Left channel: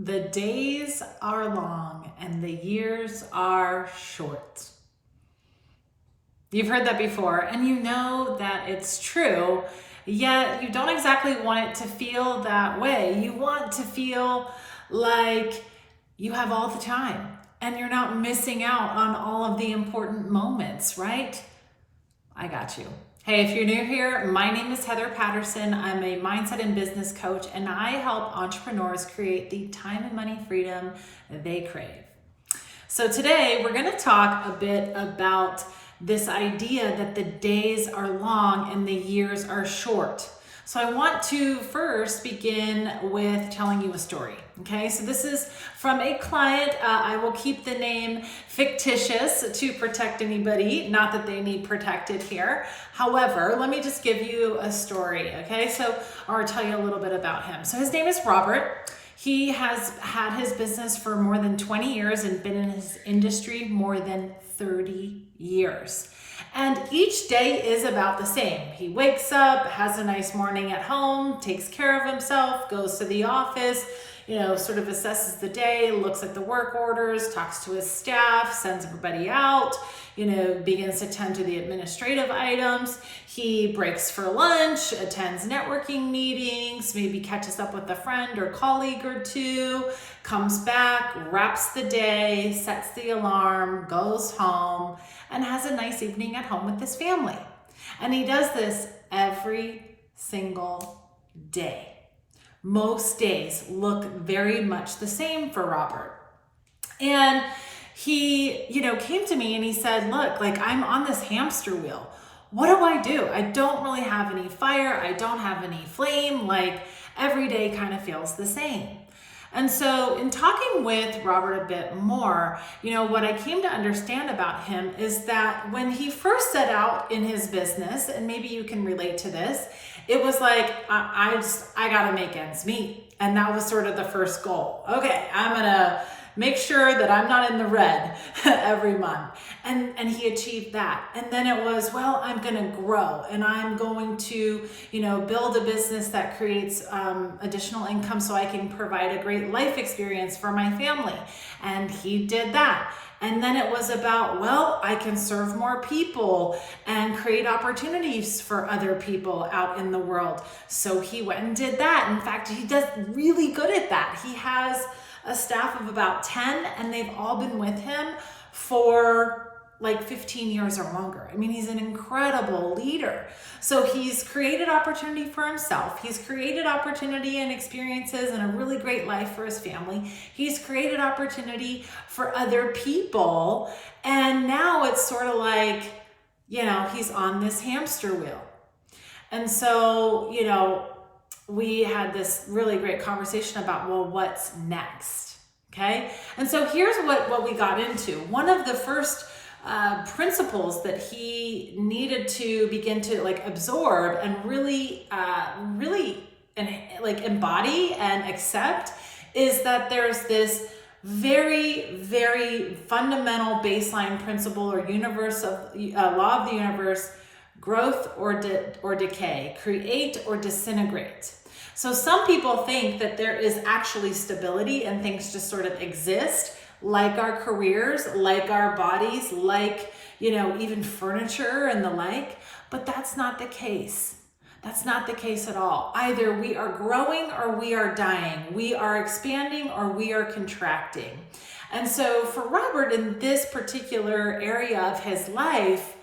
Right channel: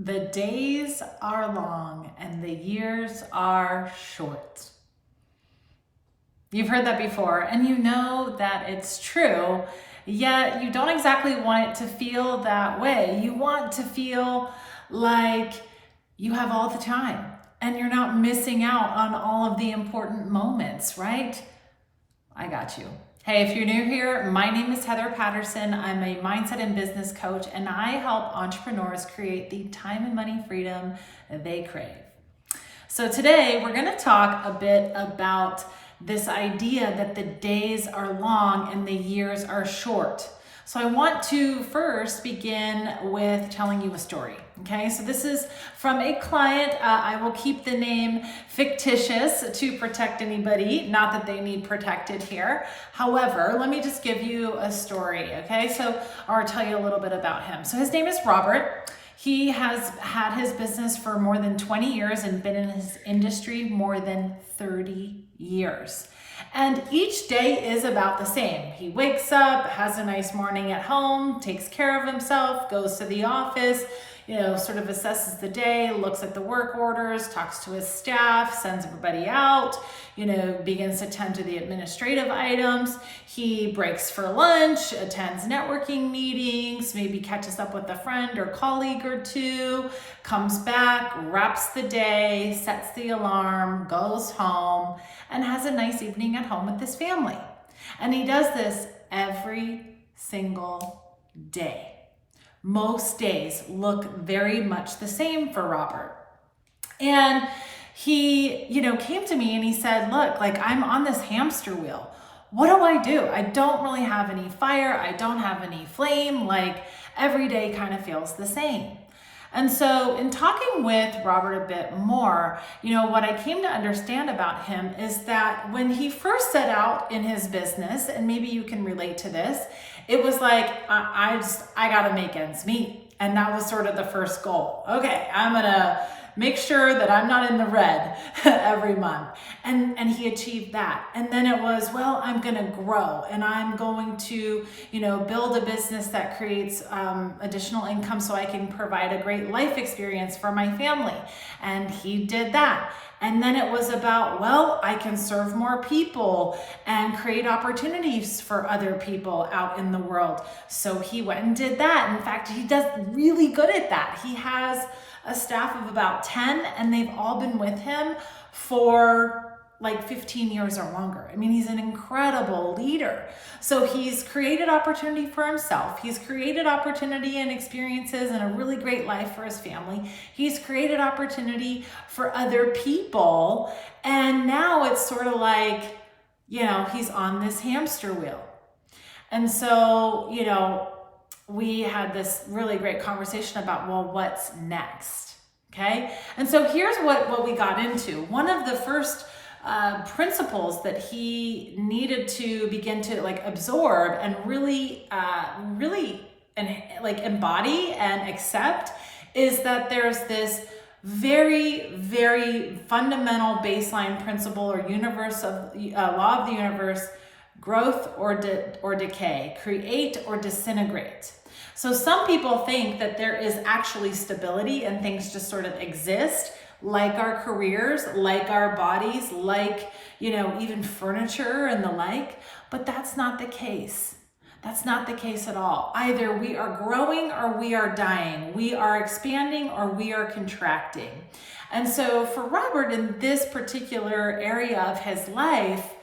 The days are long and the years are short. You've heard that before, and you know that it's true, yet you don't exactly want it to feel that way. You want to feel like you have all the time and you're not missing out on all of the important moments, right? I got you. Hey, if you're new here, my name is Heather Patterson. I'm a mindset and business coach, and I help entrepreneurs create the time and money freedom they crave. So today we're going to talk a bit about this idea that the days are long and the years are short. So I want to first begin with telling you a story. Okay, so this is from a client. I will keep the name fictitious to protect anybody, not that they need protected here. However, let me just give you a story, okay? Or tell you a little bit about him. So his name is Robert. He has had his business for more than 20 years and been in his industry more than 30 years. And each day is about the same. He wakes up, has a nice morning at home, takes care of himself, goes to the office, sort of assesses the day, looks at the work orders, talks to his staff, sends everybody out, begins to tend to the administrative items. He breaks for lunch, attends networking meetings, maybe catches up with a friend or colleague or two, comes back, wraps the day, sets the alarm, goes home, and has a nice evening at home with his family. And he does this every single day. Most days look very much the same for Robert. And he, came to me and he said, look, I'm on this hamster wheel. What do? I don't really have any fire. I don't have any flame. Every day kind of feels the same. And so in talking with Robert a bit more, what I came to understand about him is that when he first set out in his business, and maybe you can relate to this, it was like, I got to make ends meet. And that was sort of the first goal. Okay, I'm going to make sure that I'm not in the red every month. And he achieved that. And then it was, well, I'm going to grow and I'm going to, build a business that creates additional income so I can provide a great life experience for my family. And he did that. And then it was about, well, I can serve more people and create opportunities for other people out in the world. So he went and did that. In fact, he does really good at that. He has a staff of about 10, and they've all been with him for 15 years or longer. I mean, he's an incredible leader. So he's created opportunity for himself. He's created opportunity and experiences and a really great life for his family. He's created opportunity for other people. And now it's sort of he's on this hamster wheel. And so, we had this really great conversation about, well, what's next? Okay. And so here's what we got into. One of the first principles that he needed to begin to absorb and really embody and accept is that there's this very, very fundamental baseline principle or universe of law of the universe: growth or decay, create or disintegrate. So some people think that there is actually stability and things just sort of exist, like our careers, like our bodies, even furniture and the like, but that's not the case. That's not the case at all. Either we are growing or we are dying. We are expanding or we are contracting. And so for Robert, in this particular area of his life,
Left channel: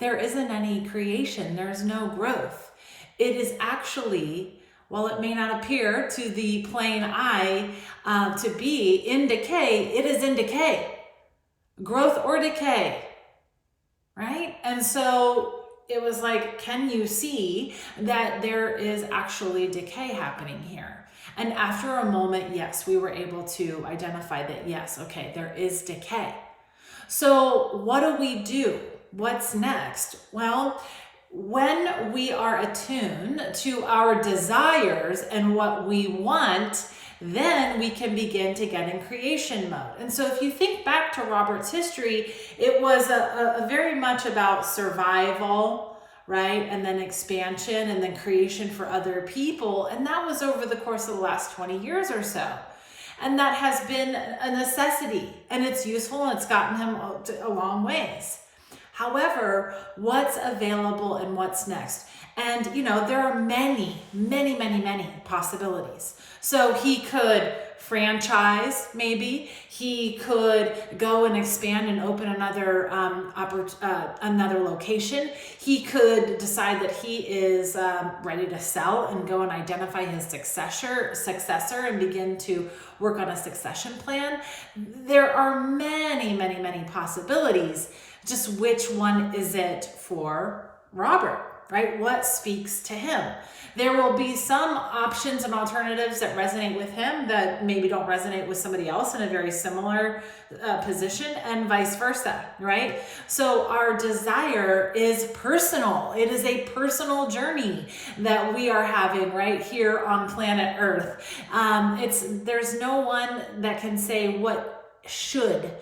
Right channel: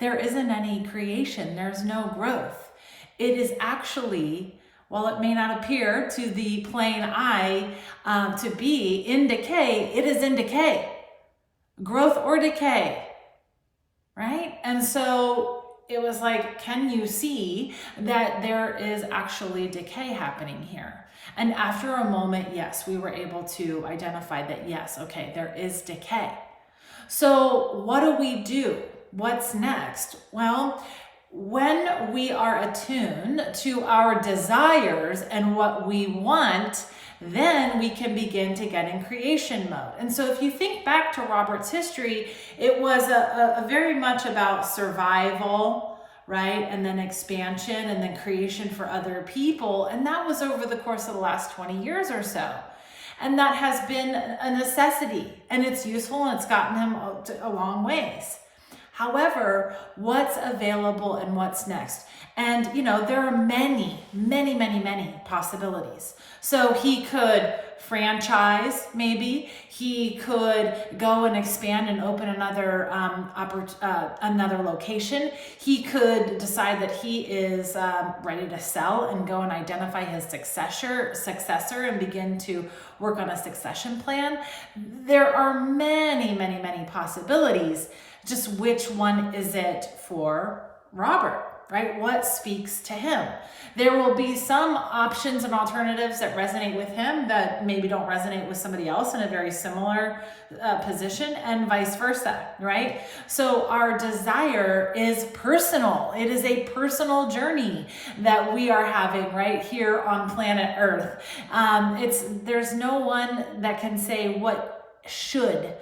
there isn't any creation. There's no growth. It is actually, while it may not appear to the plain eye to be in decay, it is in decay. Growth or decay, right? And so it was can you see that there is actually decay happening here? And after a moment, yes, we were able to identify that, yes, okay, there is decay. So what do? What's next? Well, when we are attuned to our desires and what we want, then we can begin to get in creation mode. And so if you think back to Robert's history, it was a very much about survival, right? And then expansion and then creation for other people. And that was over the course of the last 20 years or so. And that has been a necessity, and it's useful, and it's gotten him a long ways. However, what's available and what's next? And, there are many, many, many, many possibilities. So he could franchise, maybe. He could go and expand and open another another location. He could decide that he is ready to sell and go and identify his successor and begin to work on a succession plan. There are many, many, many possibilities. Just which one is it for Robert, right? What speaks to him? There will be some options and alternatives that resonate with him that maybe don't resonate with somebody else in a very similar position, and vice versa, right? So our desire is personal. It is a personal journey that we are having right here on planet Earth. There's no one that can say what should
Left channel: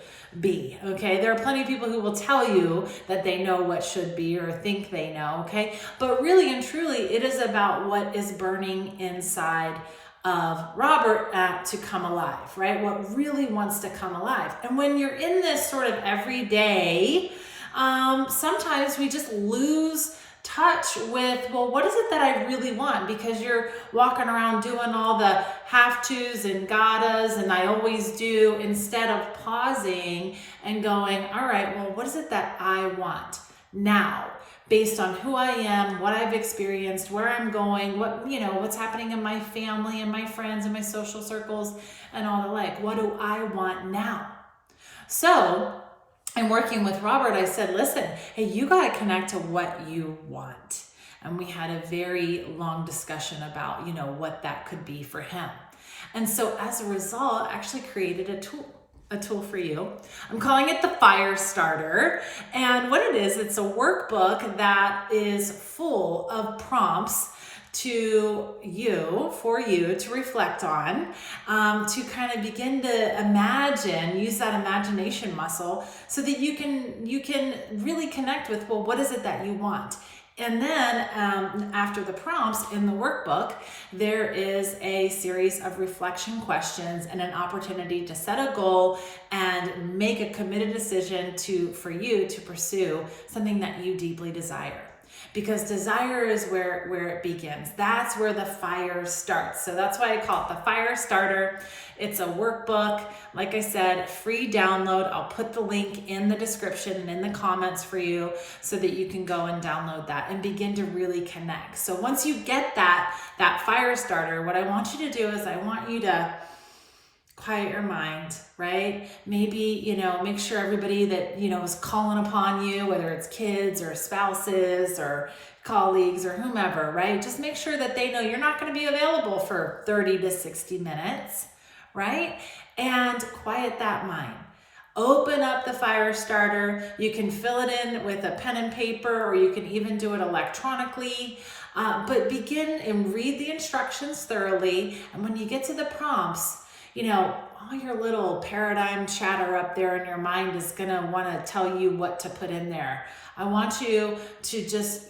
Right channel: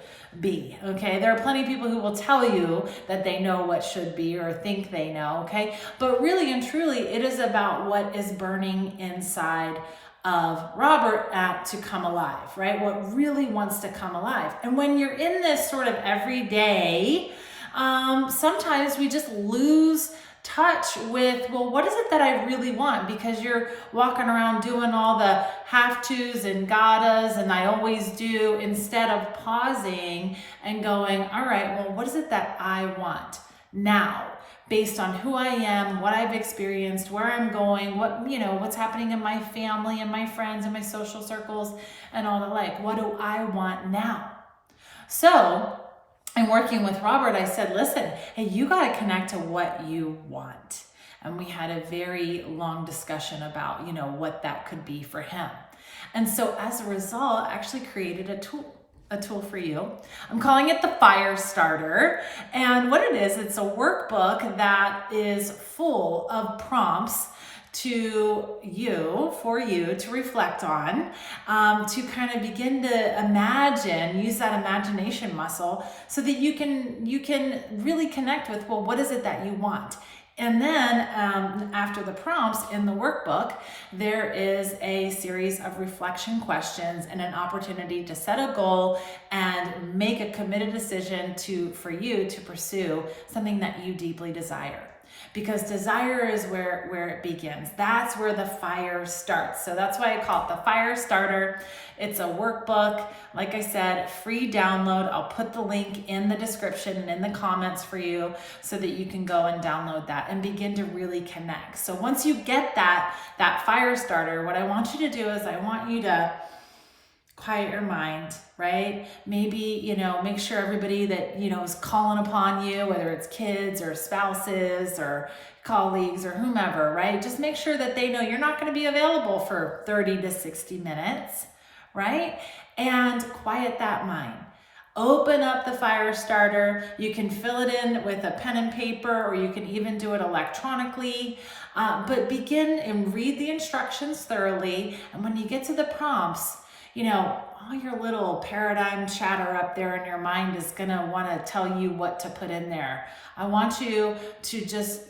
be, okay? There are plenty of people who will tell you that they know what should be or think they know, okay? But really and truly, it is about what is burning inside of Robert to come alive, right? What really wants to come alive. And when you're in this sort of everyday, sometimes we just lose touch with, well, what is it that I really want? Because you're walking around doing all the have-tos and gottas and I always do, instead of pausing and going, all right, well, what is it that I want now? Based on who I am, what I've experienced, where I'm going, what's happening in my family and my friends and my social circles and all the like. What do I want now? So I'm working with Robert. I said, listen, hey, you got to connect to what you want. And we had a very long discussion about, what that could be for him. And so as a result, I actually created a tool for you. I'm calling it the Fire Starter. And what it is, it's a workbook that is full of prompts for you to reflect on, to kind of begin to use that imagination muscle so that you can really connect with, well, what is it that you want? And then after the prompts in the workbook, there is a series of reflection questions and an opportunity to set a goal and make a committed decision for you to pursue something that you deeply desire. Because desire is where it begins. That's where the fire starts. So that's why I call it the Fire Starter. It's a workbook. Like I said, free download. I'll put the link in the description and in the comments for you so that you can go and download that and begin to really connect. So once you get that Fire Starter, what I want you to do is I want you to quiet your mind, right? Maybe, make sure everybody that, is calling upon you, whether it's kids or spouses or colleagues or whomever, right? Just make sure that they know you're not going to be available for 30 to 60 minutes, right? And quiet that mind. Open up the Fire Starter. You can fill it in with a pen and paper, or you can even do it electronically. But begin and read the instructions thoroughly. And when you get to the prompts, all your little paradigm chatter up there in your mind is going to want to tell you what to put in there. I want you to just,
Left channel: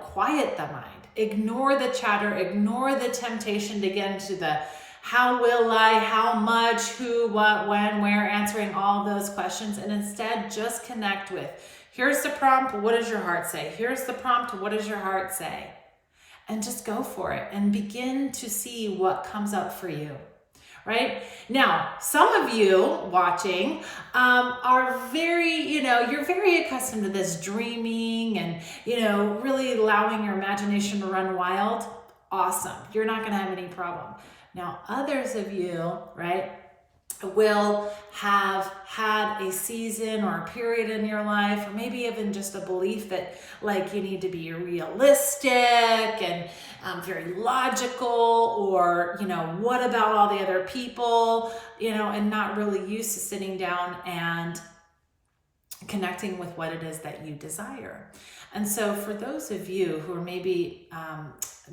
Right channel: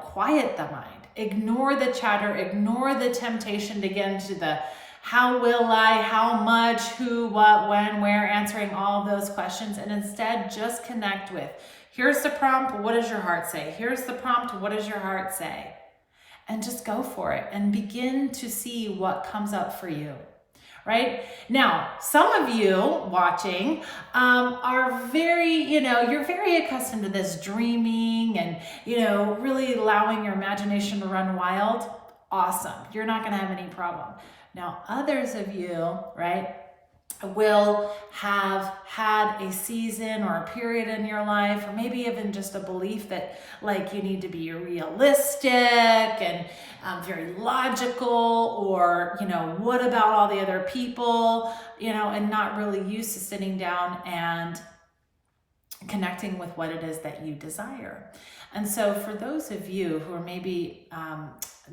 quiet the mind. Ignore the chatter. Ignore the temptation to get into the how will I, how much, who, what, when, where, answering all of those questions. And instead, just connect with, here's the prompt. What does your heart say? Here's the prompt. What does your heart say? And just go for it and begin to see what comes up for you. Right? Now, some of you watching are very, you're very accustomed to this dreaming and, really allowing your imagination to run wild. Awesome. You're not going to have any problem. Now, others of you, right, will have had a season or a period in your life, or maybe even just a belief that you need to be realistic and very logical, or what about all the other people, and not really used to sitting down and connecting with what it is that you desire. And so for those of you who are maybe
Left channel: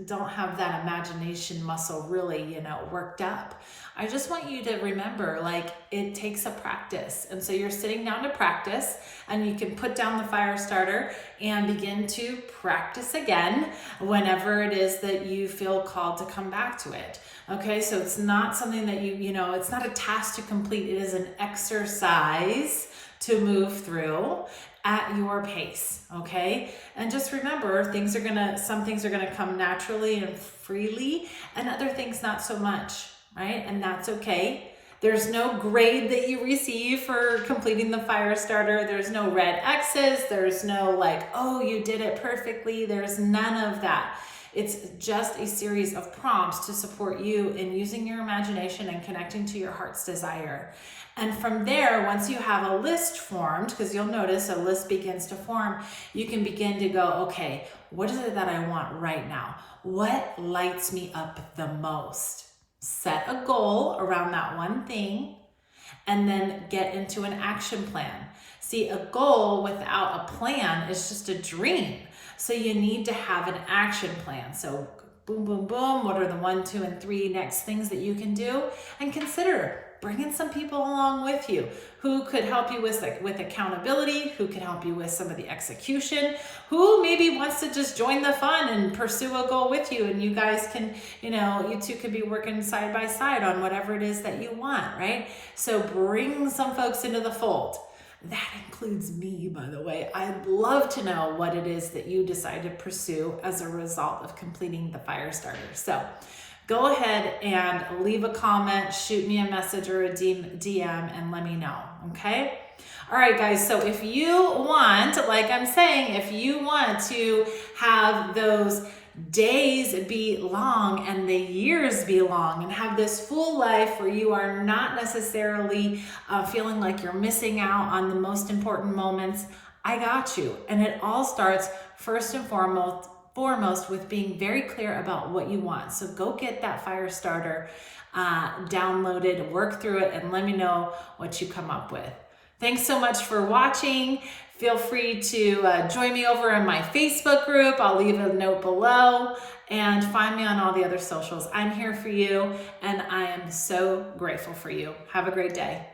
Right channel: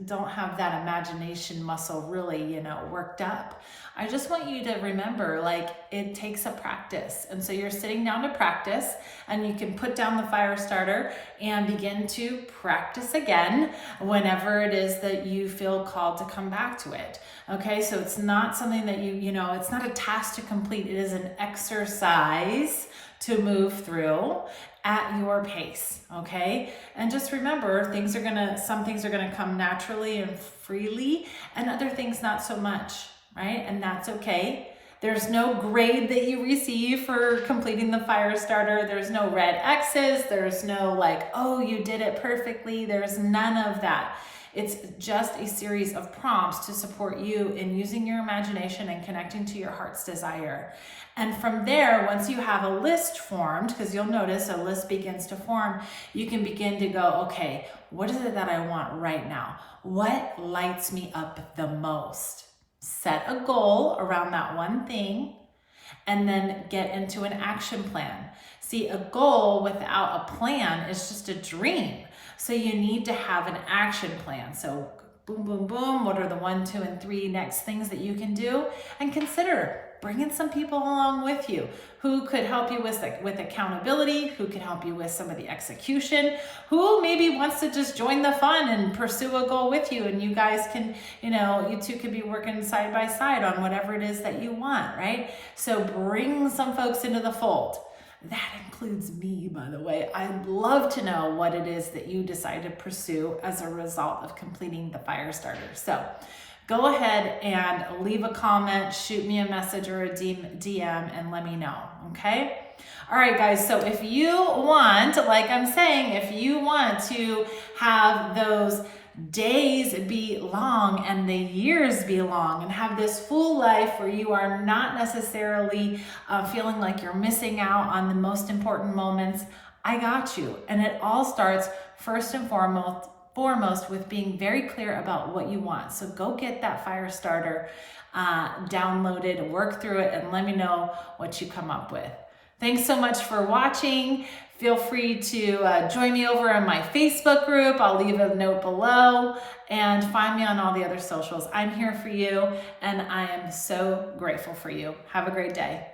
don't have that imagination muscle really, worked up. I just want you to remember, like, it takes a practice. And so you're sitting down to practice, and you can put down the fire starter and begin to practice again whenever it is that you feel called to come back to it. Okay, so it's not something that it's not a task to complete. It is an exercise to move through at your pace, okay? And just remember, some things are gonna come naturally and freely, and other things not so much, right? And that's okay. There's no grade that you receive for completing the fire starter. There's no red X's. There's no like, oh, you did it perfectly. There's none of that. It's just a series of prompts to support you in using your imagination and connecting to your heart's desire. And from there, once you have a list formed, because you'll notice a list begins to form, you can begin to go, okay, what is it that I want right now? What lights me up the most? Set a goal around that one thing, and then get into an action plan. See, a goal without a plan is just a dream. So you need to have an action plan. So boom, boom, boom. What are the 1, 2, and 3 next things that you can do? And consider bringing some people along with you who could help you with accountability, who could help you with some of the execution, who maybe wants to just join the fun and pursue a goal with you. And you guys can, you two could be working side by side on whatever it is that you want, right? So bring some folks into the fold. That includes me, by the way. I'd love to know what it is that you decide to pursue as a result of completing the fire starter. So go ahead and leave a comment, shoot me a message or a DM, and let me know, okay? All right, guys, so if you want, like I'm saying, if you want to have those days be long and the years be long and have this full life where you are not necessarily feeling like you're missing out on the most important moments, I got you. And it all starts first and foremost with being very clear about what you want. So go get that fire starter downloaded, work through it, and let me know what you come up with. Thanks so much for watching. Feel free to join me over on my Facebook group. I'll leave a note below, and find me on all the other socials. I'm here for you, and I am so grateful for you. Have a great day.